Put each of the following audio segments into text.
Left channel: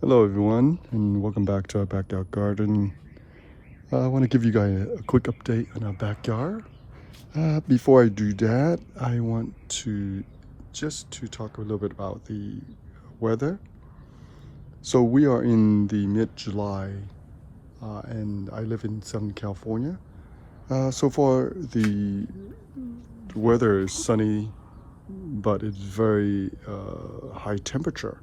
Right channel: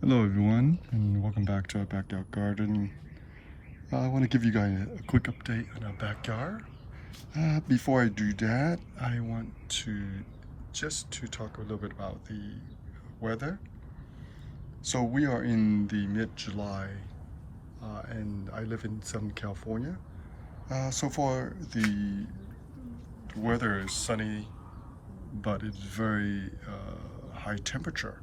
Hello everyone, and welcome back to our backyard garden. I want to give you guys a quick update on our backyard. Before I do that, I want to talk a little bit about the weather. So we are in the mid-July, and I live in Southern California. So far, the weather is sunny, but it's very high temperature.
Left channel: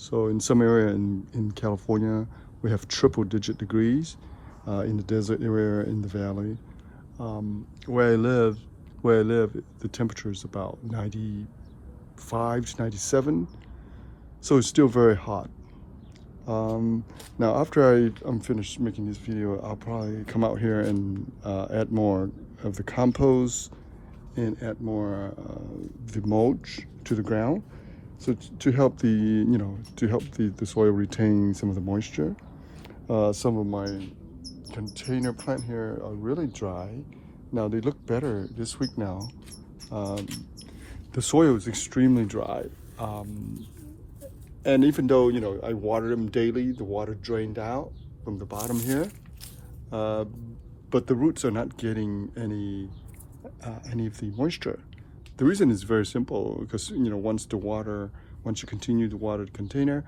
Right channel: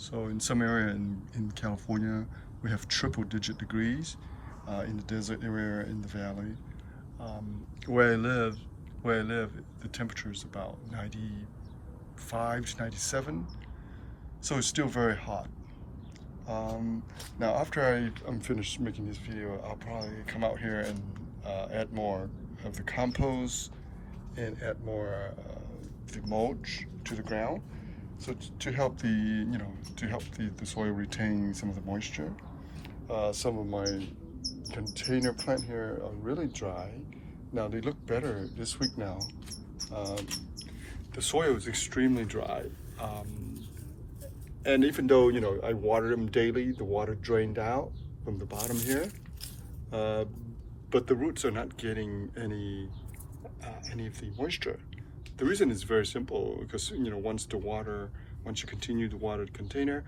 So in some area in California, we have triple-digit degrees in the desert area, in the valley. Where I live, the temperature is about 95 to 97, so it's still very hot. Now, after I'm finished making this video, I'll probably come out here and add more of the compost and add more the mulch to the ground. So to help the soil retain some of the moisture. Some of my container plant here are really dry. Now they look better this week now. The soil is extremely dry. And even though, I water them daily, the water drained out from the bottom here. But the roots are not getting any of the moisture. The reason is very simple, because once you continue to water the container,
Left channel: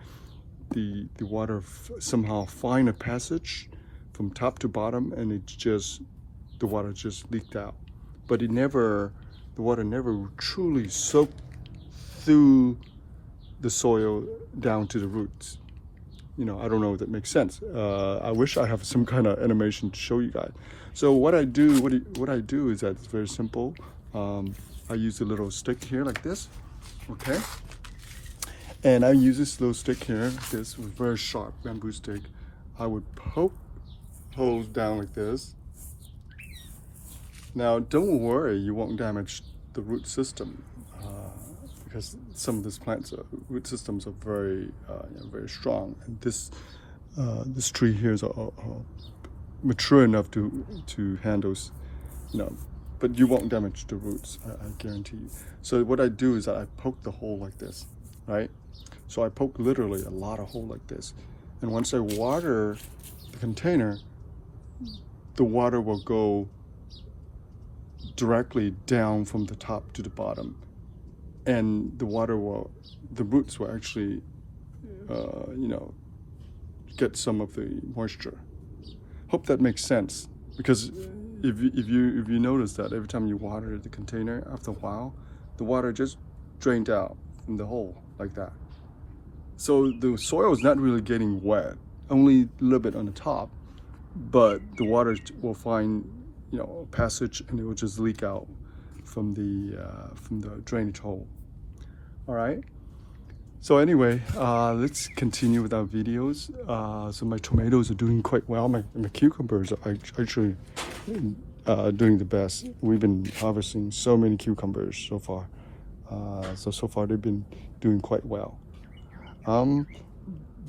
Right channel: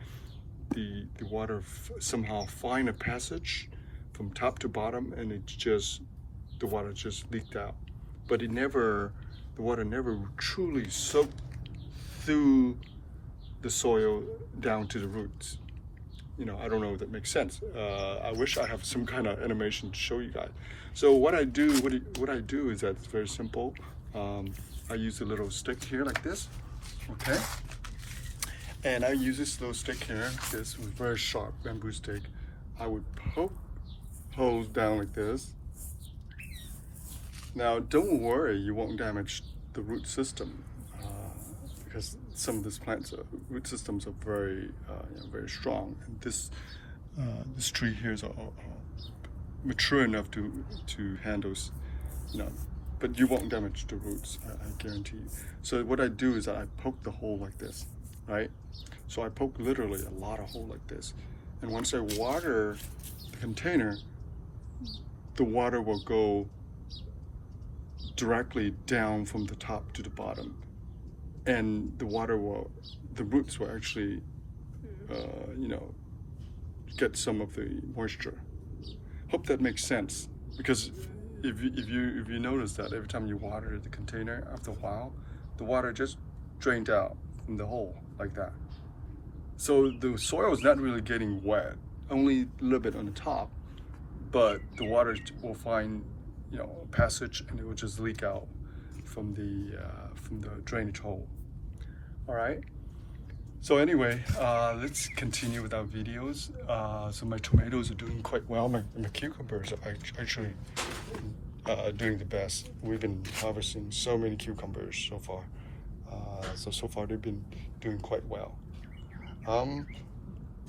the water somehow find a passage from top to bottom, and the water just leaked out. But the water never truly soaked through the soil down to the roots. I don't know if that makes sense. I wish I have some kind of animation to show you guys. So what I do is that it's very simple. I use a little stick here like this, okay? And I use this little stick here, this very sharp bamboo stick. I would poke holes down like this. Now, don't worry, you won't damage the root system, because some of these plants' root systems are very, very strong. And this tree here is mature enough to handle, but you won't damage the roots, I guarantee you. So what I do is I poke the hole like this, right? So I poke literally a lot of hole like this. And once I water the container, the water will go directly down from the top to the bottom. And the roots will actually, get some of the moisture. Hope that makes sense, because if you notice that every time you water the container, after a while, the water just drained out from the hole like that. So the soil is not really getting wet, only a little bit on the top, but the water will find, a passage, and it will just leak out from the drainage hole. All right. So anyway, let's continue with our videos. So my tomatoes are doing quite well. My cucumbers are actually doing the best. We've been harvesting so many cucumbers so far. So far they've been doing quite well.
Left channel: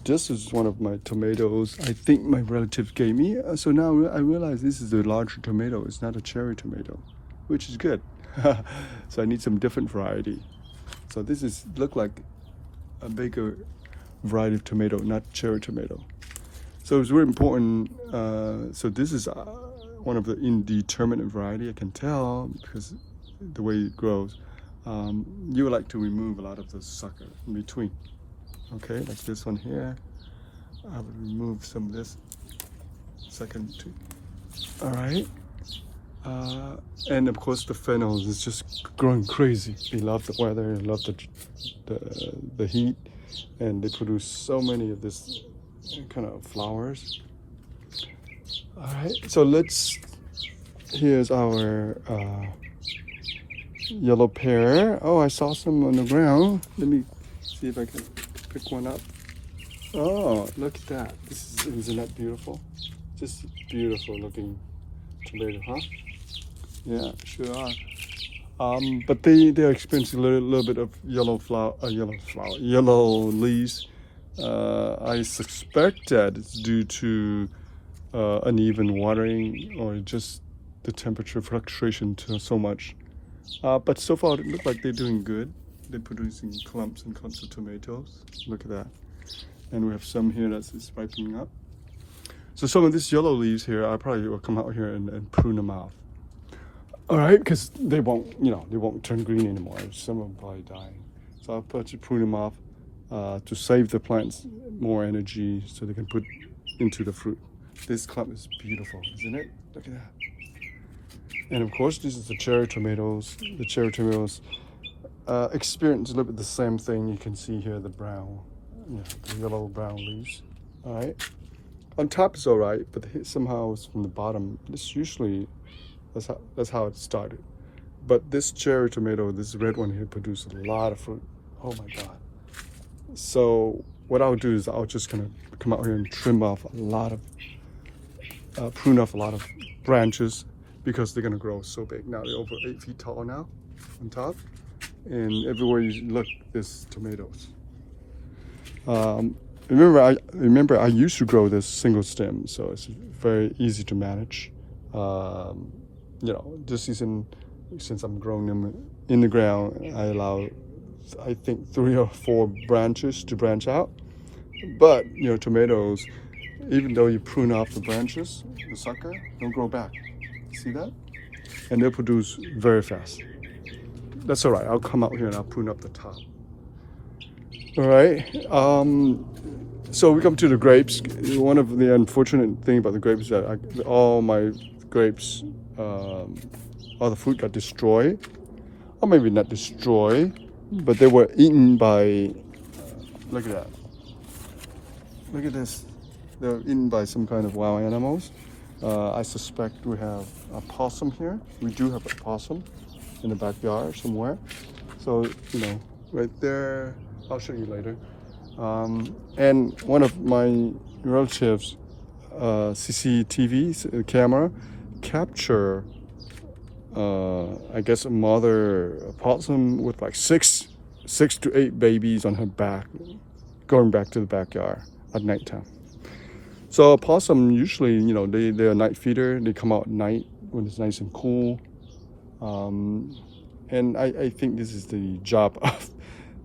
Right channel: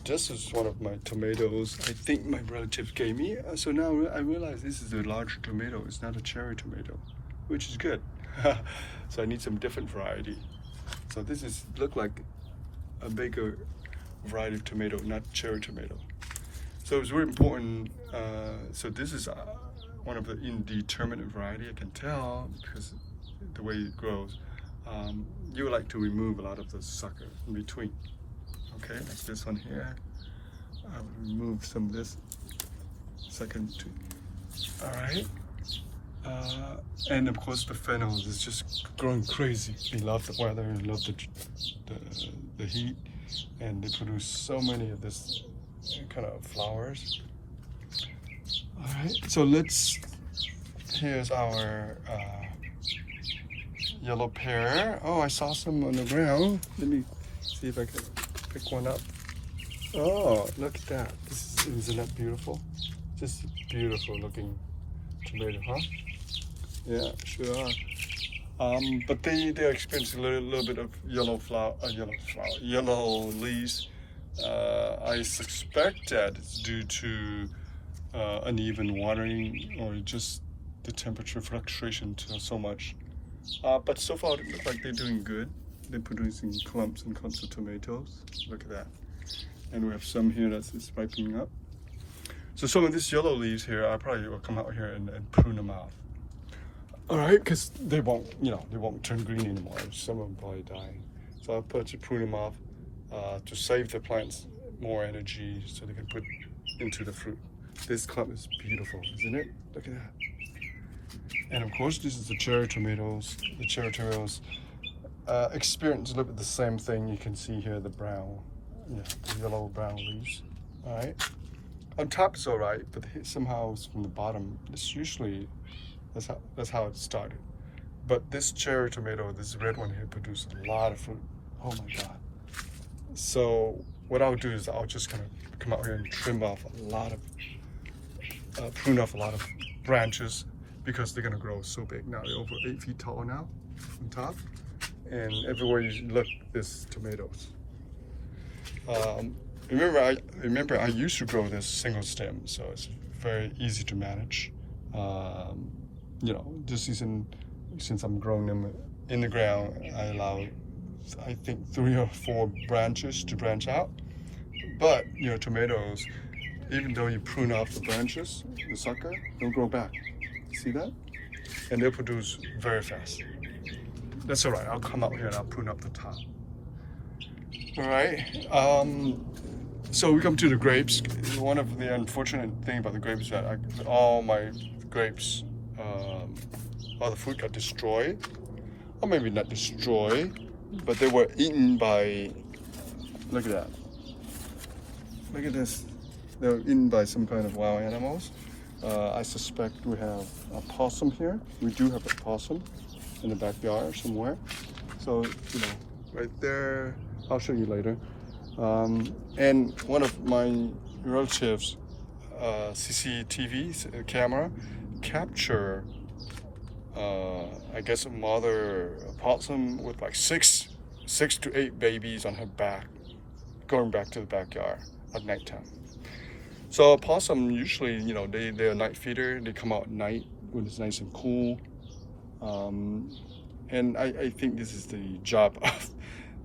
This is one of my tomatoes I think my relatives gave me. So now I realize this is a larger tomato. It's not a cherry tomato, which is good. So I need some different variety. So this look like a bigger variety of tomato, not cherry tomato. So it's really important. So this is one of the indeterminate variety. I can tell because the way it grows. You would like to remove a lot of the sucker in between. Okay, like this one here. I will remove some of this second too. All right. And of course the fennels is just growing crazy. They love the weather, love the heat, and they produce so many of this kind of flowers. All right, so here's our yellow pear. Oh, I saw some on the ground. Let me see if I can pick one up. Oh, look at that. Isn't that beautiful? Just beautiful looking tomato, huh? Yeah, sure are. But they're experiencing a little bit of yellow leaves. I suspect that it's due to uneven watering, or just the temperature fluctuation so much. But so far it looks like they're doing good. They're producing clumps and clumps of tomatoes. Look at that. and we have some here that's spiking up. So some of these yellow leaves here, I probably will come out here and prune them off. All right, because they won't, they won't turn green anymore. Some of them probably dying. So I'll put to prune them off to save the plants more energy so they can put into the fruit. This clump is beautiful, isn't it? Look at that. And of course, this is the cherry tomatoes. The cherry tomatoes experience a little bit the same thing. You can see here the brown, the yellow brown leaves. All right. On top it's all right, but somehow it's from the bottom. It's usually that's how it started. But this cherry tomato, this red one here, produced a lot of fruit. Oh my God. So what I would do is I was just gonna come out here and trim off a lot of, prune off a lot of branches because they're gonna grow so big. Now they're over 8 feet tall now on top, and everywhere you look, there's tomatoes. Remember I used to grow this single stem, so it's very easy to manage. This season, since I'm growing them in the ground, I allow, I think, 3 or 4 branches to branch out. But tomatoes, even though you prune off the branches, the sucker, they'll grow back. See that? And they'll produce very fast. That's all right. I'll come out here and I'll prune up the top. All right. So we come to the grapes. One of the unfortunate thing about the grapes is that all my grapes, all the fruit got destroyed, or maybe not destroyed, but they were eaten by. Look at that. Look at this. They were eaten by some kind of wild animals. I suspect we have a possum here. We do have a possum in the backyard somewhere. So right there. I'll show you later. And one of my relatives' CCTV camera capture, I guess, a mother possum with like six to 8 babies on her back, going back to the backyard at nighttime. So a possum usually, they're a night feeder. They come out at night when it's nice and cool. And I think this is the job of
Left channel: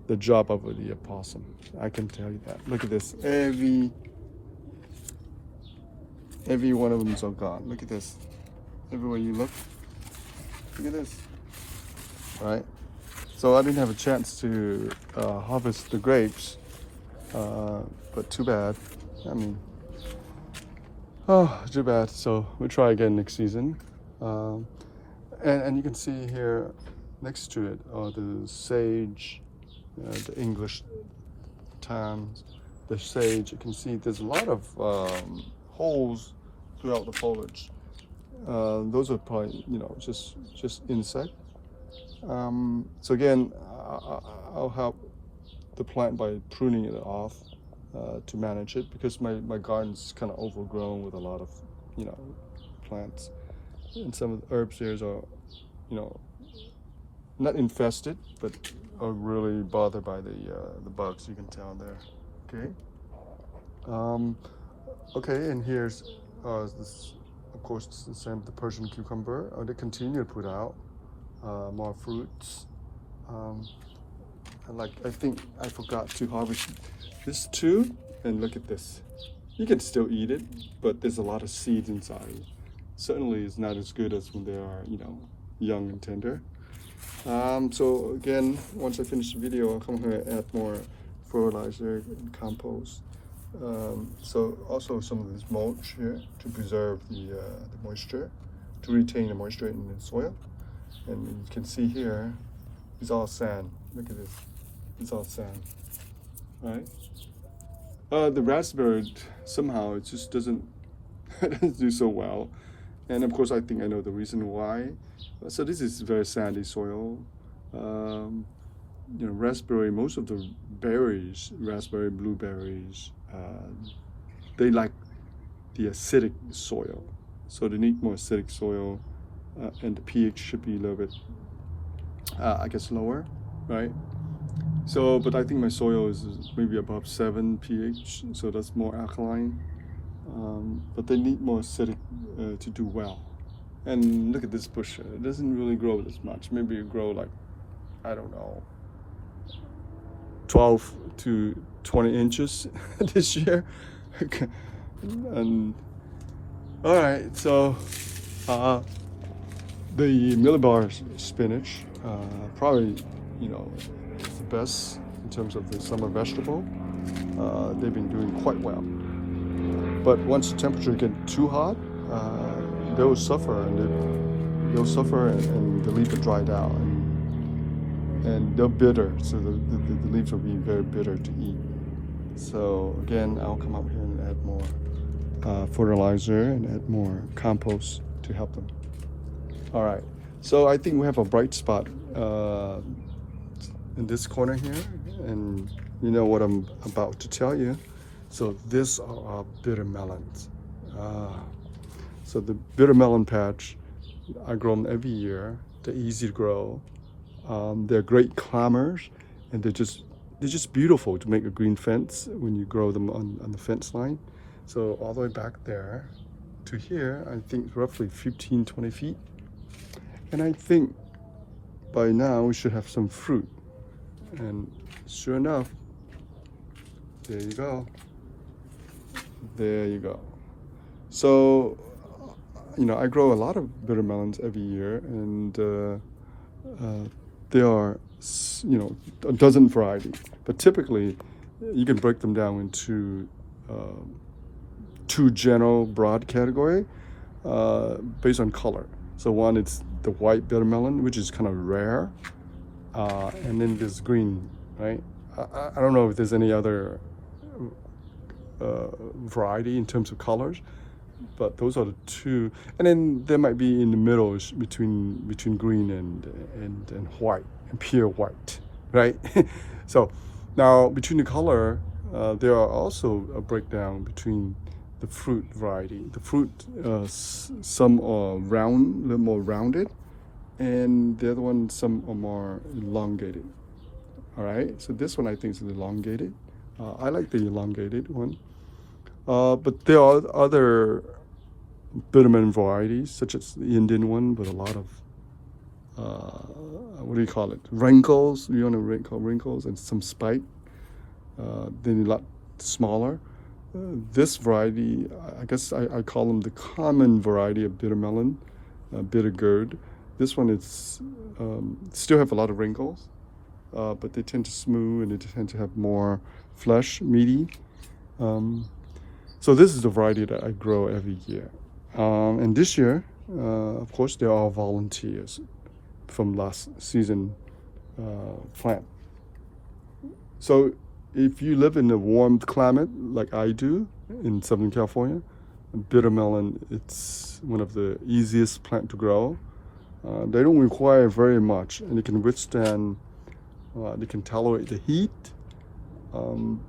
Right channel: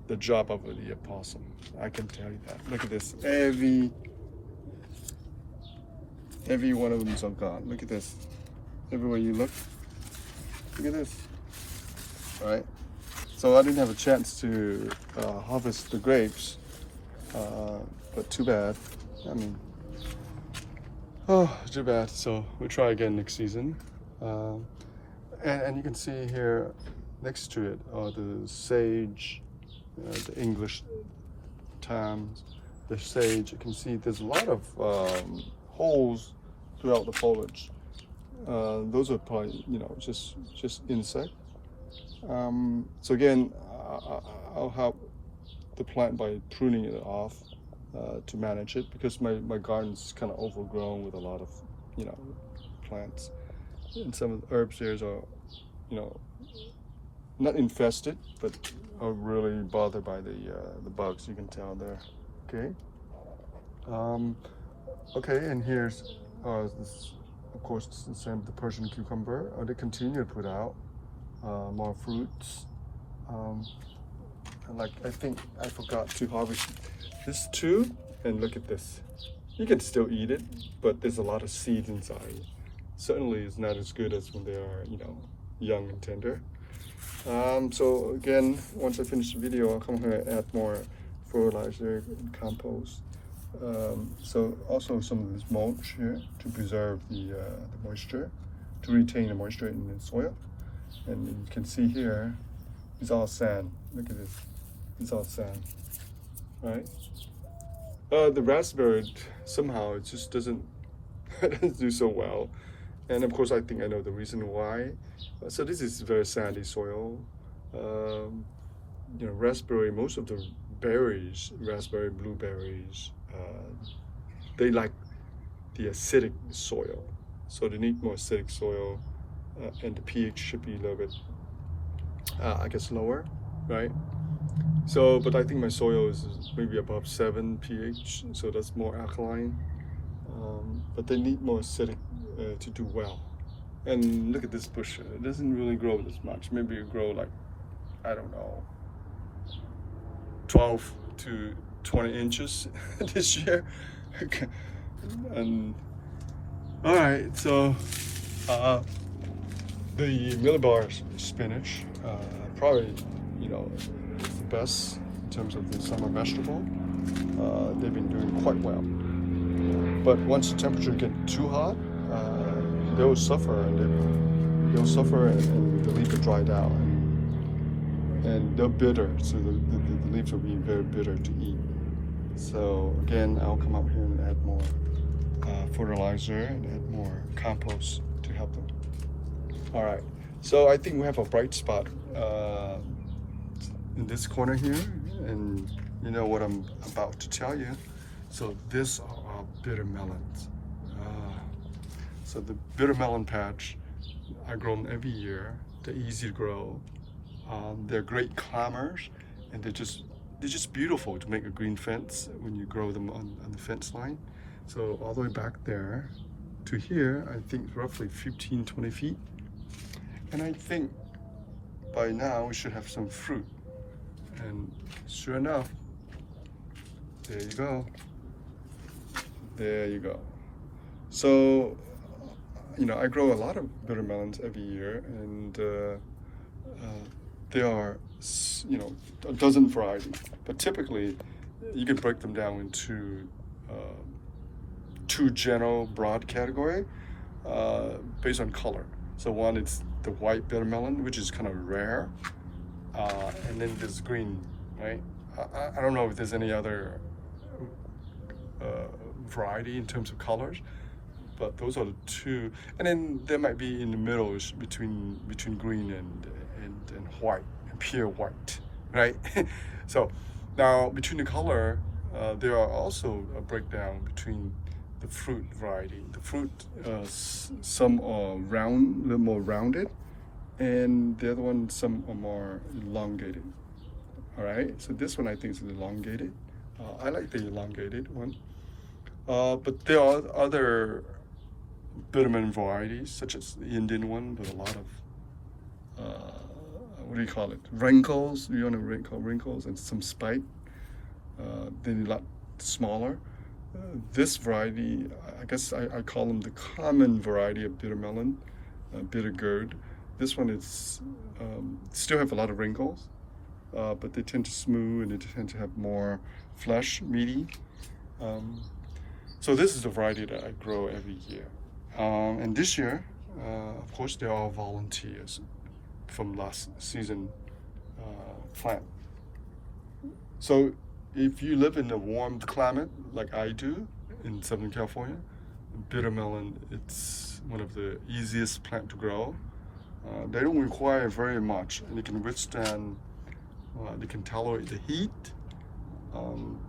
the opossum. I can tell you that. Look at this. Every one of them is all gone. Look at this. Everywhere you look. Look at this. All right. So I didn't have a chance to harvest the grapes, but too bad. I mean, too bad. So we'll try again next season. And you can see here next to it are the sage. The English terms, the sage. You can see there's a lot of holes throughout the foliage. Those are probably just insect. So again, I'll help the plant by pruning it off to manage it, because my garden's kind of overgrown with a lot of plants, and some of the herbs there are not infested, but are really bothered by the bugs. You can tell there. Okay. Okay, and here's this. Of course, it's the same. The Persian cucumber. They continue to put out more fruits. Like I think I forgot to harvest this too. And look at this. You can still eat it, but there's a lot of seeds inside. Certainly, it's not as good as when they are young and tender. So again, once I finish the video, I'll come here and add more fertilizer and compost. So also some of this mulch here to preserve the moisture, to retain the moisture in the soil. And you can see here, it's all sand. Look at this, it's all sand. All right. The raspberry, somehow it just doesn't do so well. And of course, I think I know the reason why. So this is very sandy soil. Raspberry, most of the berries, raspberry, blueberries, they like the acidic soil. So they need more acidic soil, and the pH should be a little bit, I guess, lower, right? So, but I think my soil is maybe above 7 pH, so that's more alkaline. But they need more acidic to do well. And look at this bush. It doesn't really grow this much. Maybe it grow like, I don't know, 12 to 20 inches this year. And all right, so the millibar spinach, probably, you know, is the best in terms of the summer vegetable. They've been doing quite well. But once the temperature get too hot, they'll suffer, and the leaves will dry out, and they're bitter. So the leaves will be very bitter to eat. So again, I'll come out here and add more fertilizer and add more compost to help them. All right, so I think we have a bright spot in this corner here, and you know what I'm about to tell you. So these are our bitter melons. So the bitter melon patch, I grow them every year. They're easy to grow. They're great climbers, and they're just beautiful to make a green fence when you grow them on the fence line. So all the way back there to here, I think roughly 15-20 feet. And I think by now we should have some fruit. And sure enough, there you go. There you go. So, you know, I grow a lot of bitter melons every year, and there are, you know, a dozen varieties. But typically, you can break them down into two general broad category based on color. So one, it's the white bitter melon, which is kind of rare, and then there's green, right? I don't know if there's any other variety in terms of colors, but those are the two. And then there might be in the middle between green and white, and pure white, right? So now between the color, there are also a breakdown between the fruit variety. The fruit, some are round, a little more rounded, and the other one, some are more elongated. All right, so this one I think is elongated. I like the elongated one. But there are other bitter melon varieties, such as the Indian one with a lot of, what do you call it? Wrinkles, you want to call wrinkles, and some spike. Then a lot smaller. This variety, I guess I call them the common variety of bitter melon, bitter gourd. This one is still have a lot of wrinkles, but they tend to smooth, and they tend to have more flesh, meaty. So this is the variety that I grow every year. And this year, of course, they're all volunteers from last season plant. So if you live in a warm climate like I do in Southern California, bitter melon, it's one of the easiest plant to grow. They don't require very much, and they can withstand, they can tolerate the heat.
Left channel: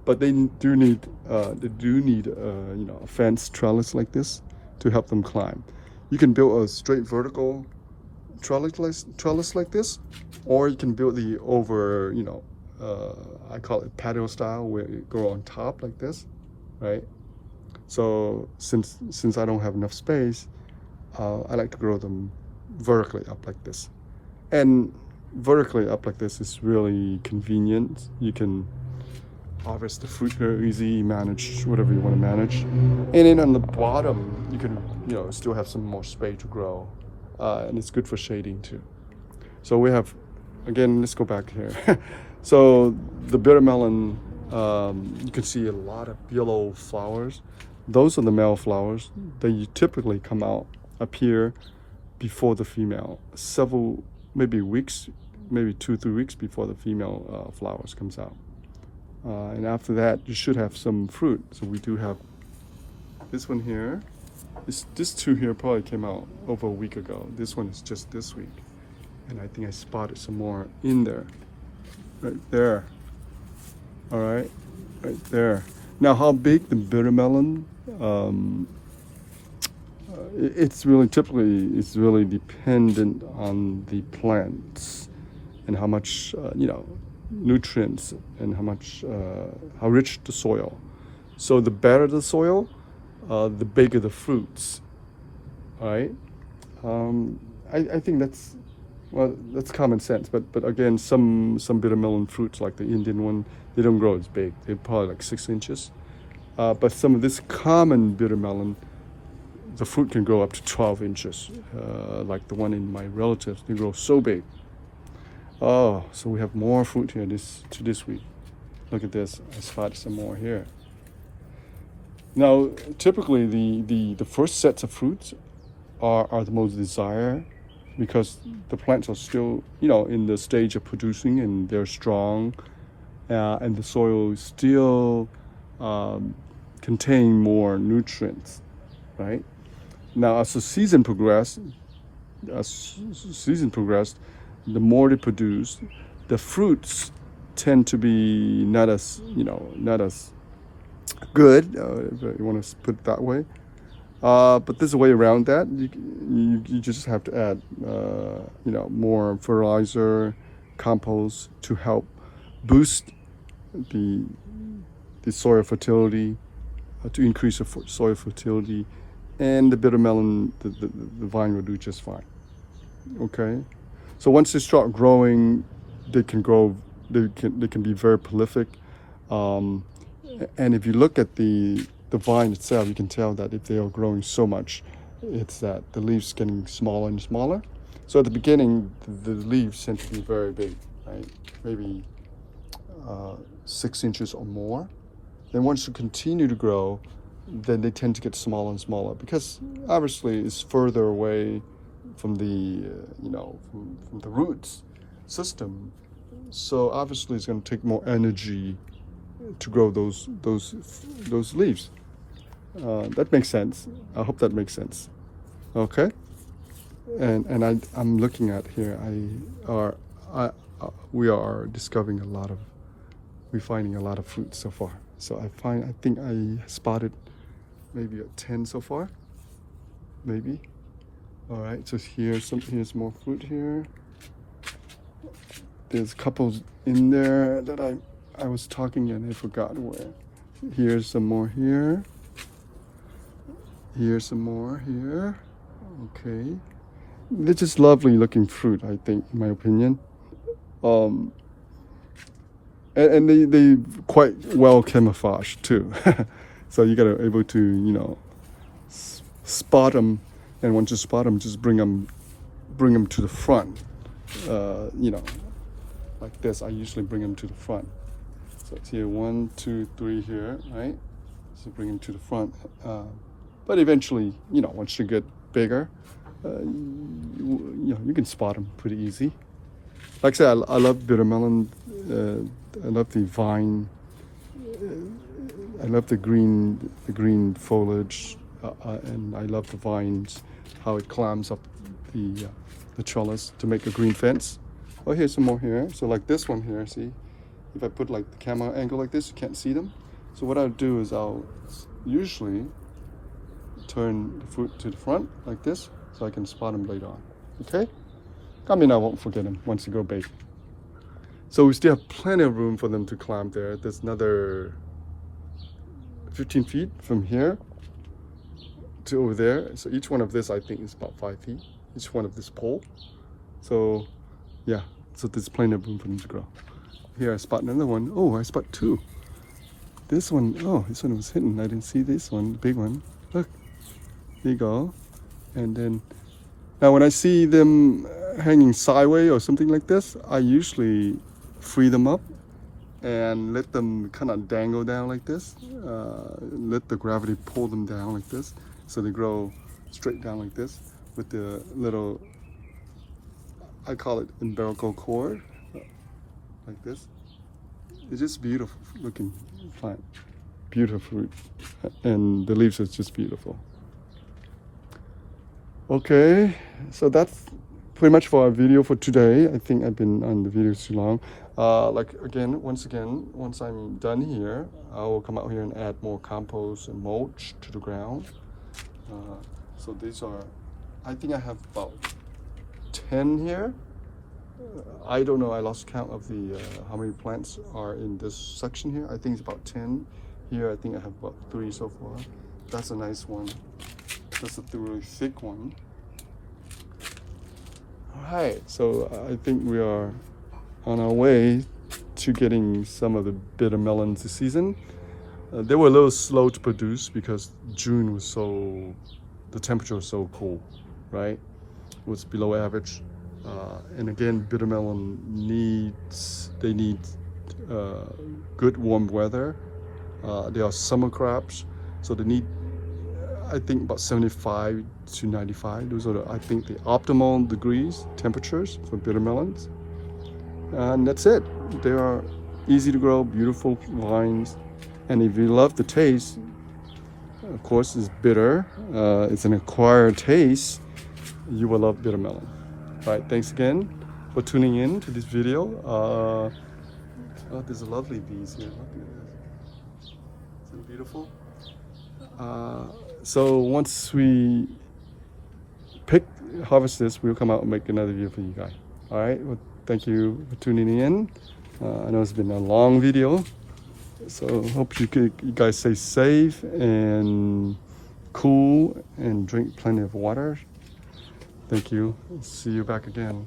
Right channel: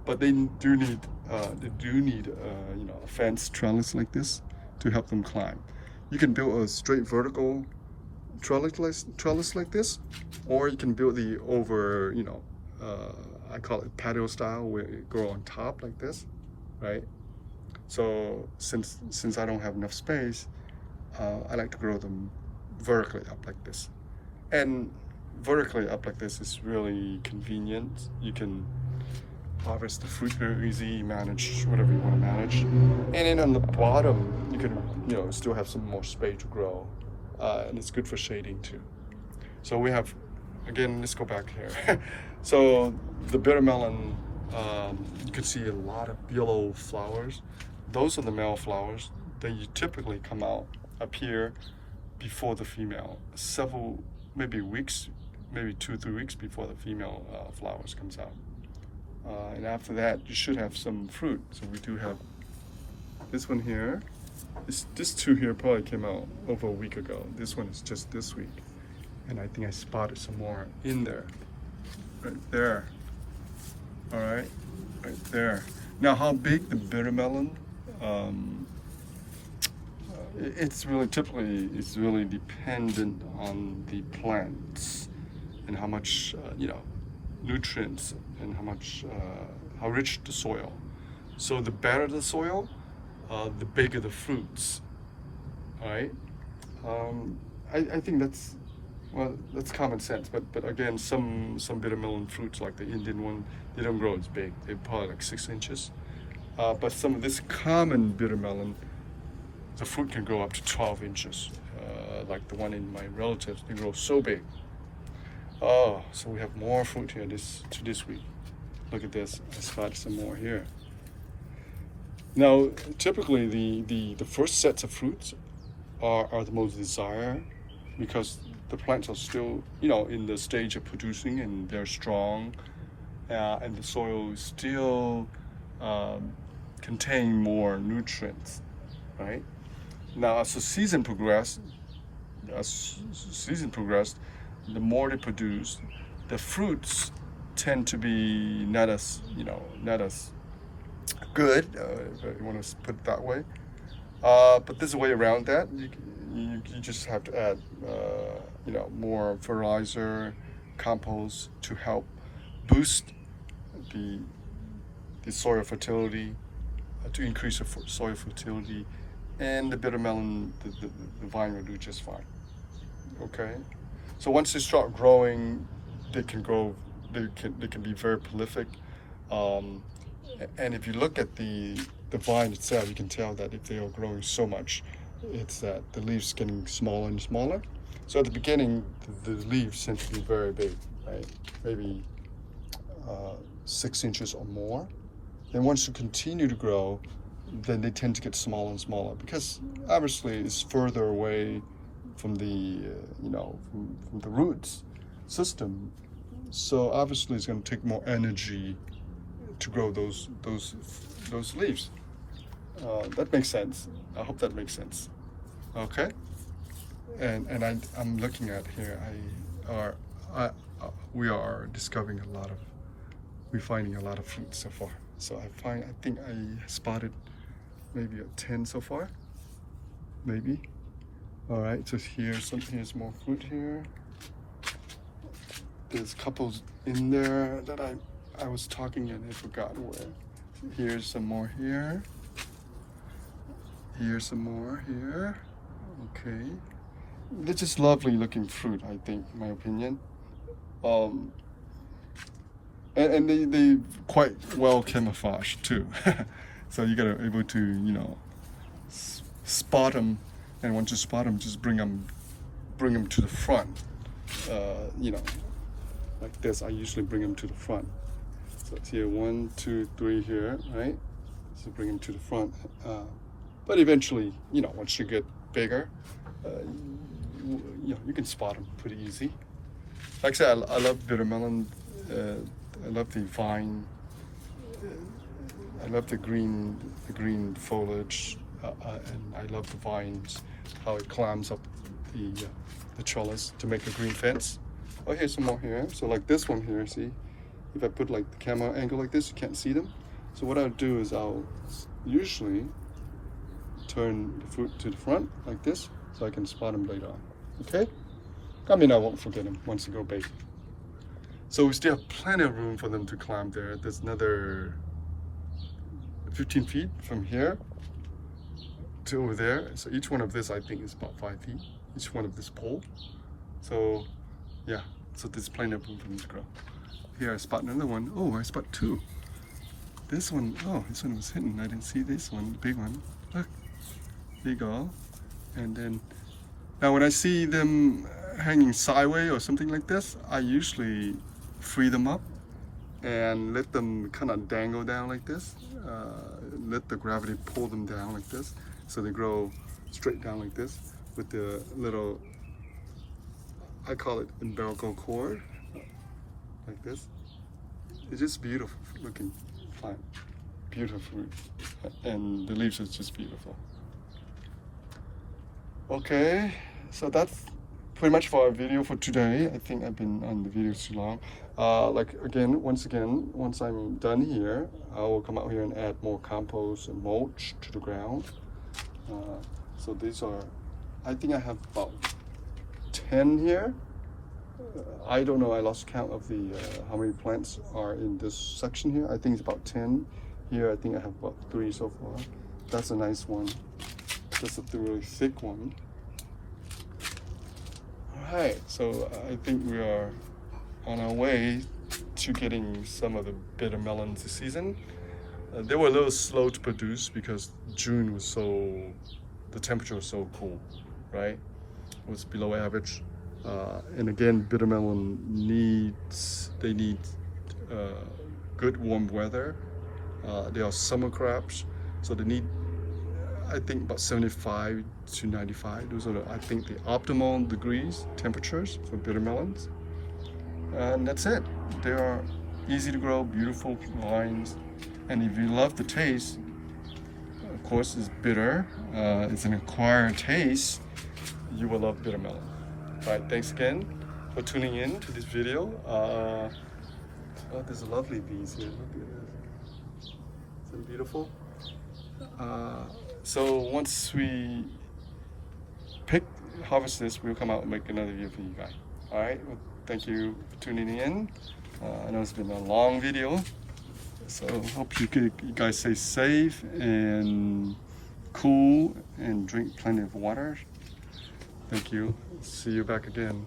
But they do need you know, a fence trellis like this to help them climb. You can build a straight vertical trellis like this, or you can build the over, you know, I call it patio style, where it grow on top like this, right? So since I don't have enough space, I like to grow them vertically up like this. And vertically up like this is really convenient. You can harvest the fruit very easy, manage whatever you want to manage. And then on the bottom, you can, you know, still have some more space to grow. And it's good for shading too. So we have, again, let's go back here. So the bitter melon, you can see a lot of yellow flowers. Those are the male flowers. They typically come out, appear before the female, several, maybe weeks, maybe 2-3 weeks before the female flowers comes out. And after that, you should have some fruit. So we do have this one here. This two here probably came out over a week ago. This one is just this week. And I think I spotted some more in there. Right there. All right, right there. Now, how big the bitter melon? It's really dependent on the plants and how much you know, nutrients, and how rich the soil. So the better the soil, the bigger the fruits. All right. I think that's Well, that's common sense, but again, some bitter melon fruits like the Indian one, they don't grow as big. They're probably like 6 inches. But some of this common bitter melon, the fruit can grow up to 12 inches. Like the one in my relatives, they grow so big. Oh, so we have more fruit here this week. Look at this. I spotted some more here. Now, typically the first sets of fruits are the most desired because the plants are still, in the stage of producing and they're strong, and the soil still contain more nutrients, right? Now, as the season progressed, the more they produce, the fruits tend to be not as good, if you want to put it that way. But there's a way around that. You just have to add, more fertilizer, compost to help boost the soil fertility, to increase the soil fertility, and the bitter melon, the vine will do just fine. Okay, so once they start growing, they can be very prolific. And if you look at the vine itself, you can tell that if they are growing so much, it's that the leaves getting smaller and smaller. So at the beginning, the leaves tend to be very big, right? Maybe 6 inches or more. Then once you continue to grow, then they tend to get smaller and smaller because obviously it's further away from the from the roots system. So obviously it's going to take more energy to grow those leaves. That makes sense. I hope that makes sense. Okay. And I'm looking at here. We are discovering we're finding a lot of fruit so far. So I think I spotted maybe a 10 so far, maybe. All right. So here's more fruit here. There's a couple in there that I was talking and I forgot where. Here's some more here. Here's some more here. Okay. They're just lovely looking fruit, I think, in my opinion. And they quite well camouflaged too. So you gotta able to, spot them. And once you spot them, just bring them to the front. Like this, I usually bring them to the front. So it's here, 1, 2, 3 here, right? So bring them to the front. But eventually, once you get bigger, you can spot them pretty easy. Like I said, I love bitter melon. I love the vine. I love the green foliage, and I love the vines, how it climbs up the trellis to make a green fence. Oh, here's some more here. So like this one here, see? If I put like the camera angle like this, you can't see them. So what I'll do is I'll usually turn the fruit to the front like this so I can spot them later on. Okay? I mean, I won't forget them once they go big. So we still have plenty of room for them to climb there. There's another 15 feet from here to over there. So each one of this, I think, is about 5 feet. Each one of this pole. So yeah, so there's plenty of room for them to grow. Here I spot another one. Oh, I spot 2. This one, oh, this one was hidden. I didn't see this one, big one. Look, there you go. And then, now when I see them hanging sideways or something like this, I usually free them up and let them kind of dangle down like this. Let the gravity pull them down like this. So they grow straight down like this with the little, I call it umbilical cord, like this. It's just beautiful looking plant, beautiful fruit, and the leaves are just beautiful. Okay, so that's pretty much for our video for today. I think I've been on the video too long. Once I'm done here, I will come out here and add more compost and mulch to the ground. So these are, I think I have about 10 here. I don't know, I lost count of the how many plants are in this section here. I think it's about 10. Here I think I have about 3 so far. That's a nice one. This is the really thick one. All right, so I think we are on our way to getting some of the bitter melons this season. They were a little slow to produce because June was the temperature was so cold, right? It was below average. And again, bitter melon need good warm weather. They are summer crops, so they need, I think, about 75 to 95. Those are, I think, the optimal degrees, temperatures for bitter melons. And that's it. They are easy to grow, beautiful vines. And if you love the taste, of course, it's bitter. It's an acquired taste. You will love bitter melon. All right, thanks again for tuning in to this video. Oh, there's lovely bees here. Look at this. Isn't it beautiful? So once we harvest this, we'll come out and make another video for you guys. All right, well, thank you for tuning in. I know it's been a long video, so hope you guys stay safe and cool and drink plenty of water. Thank you. See you back again.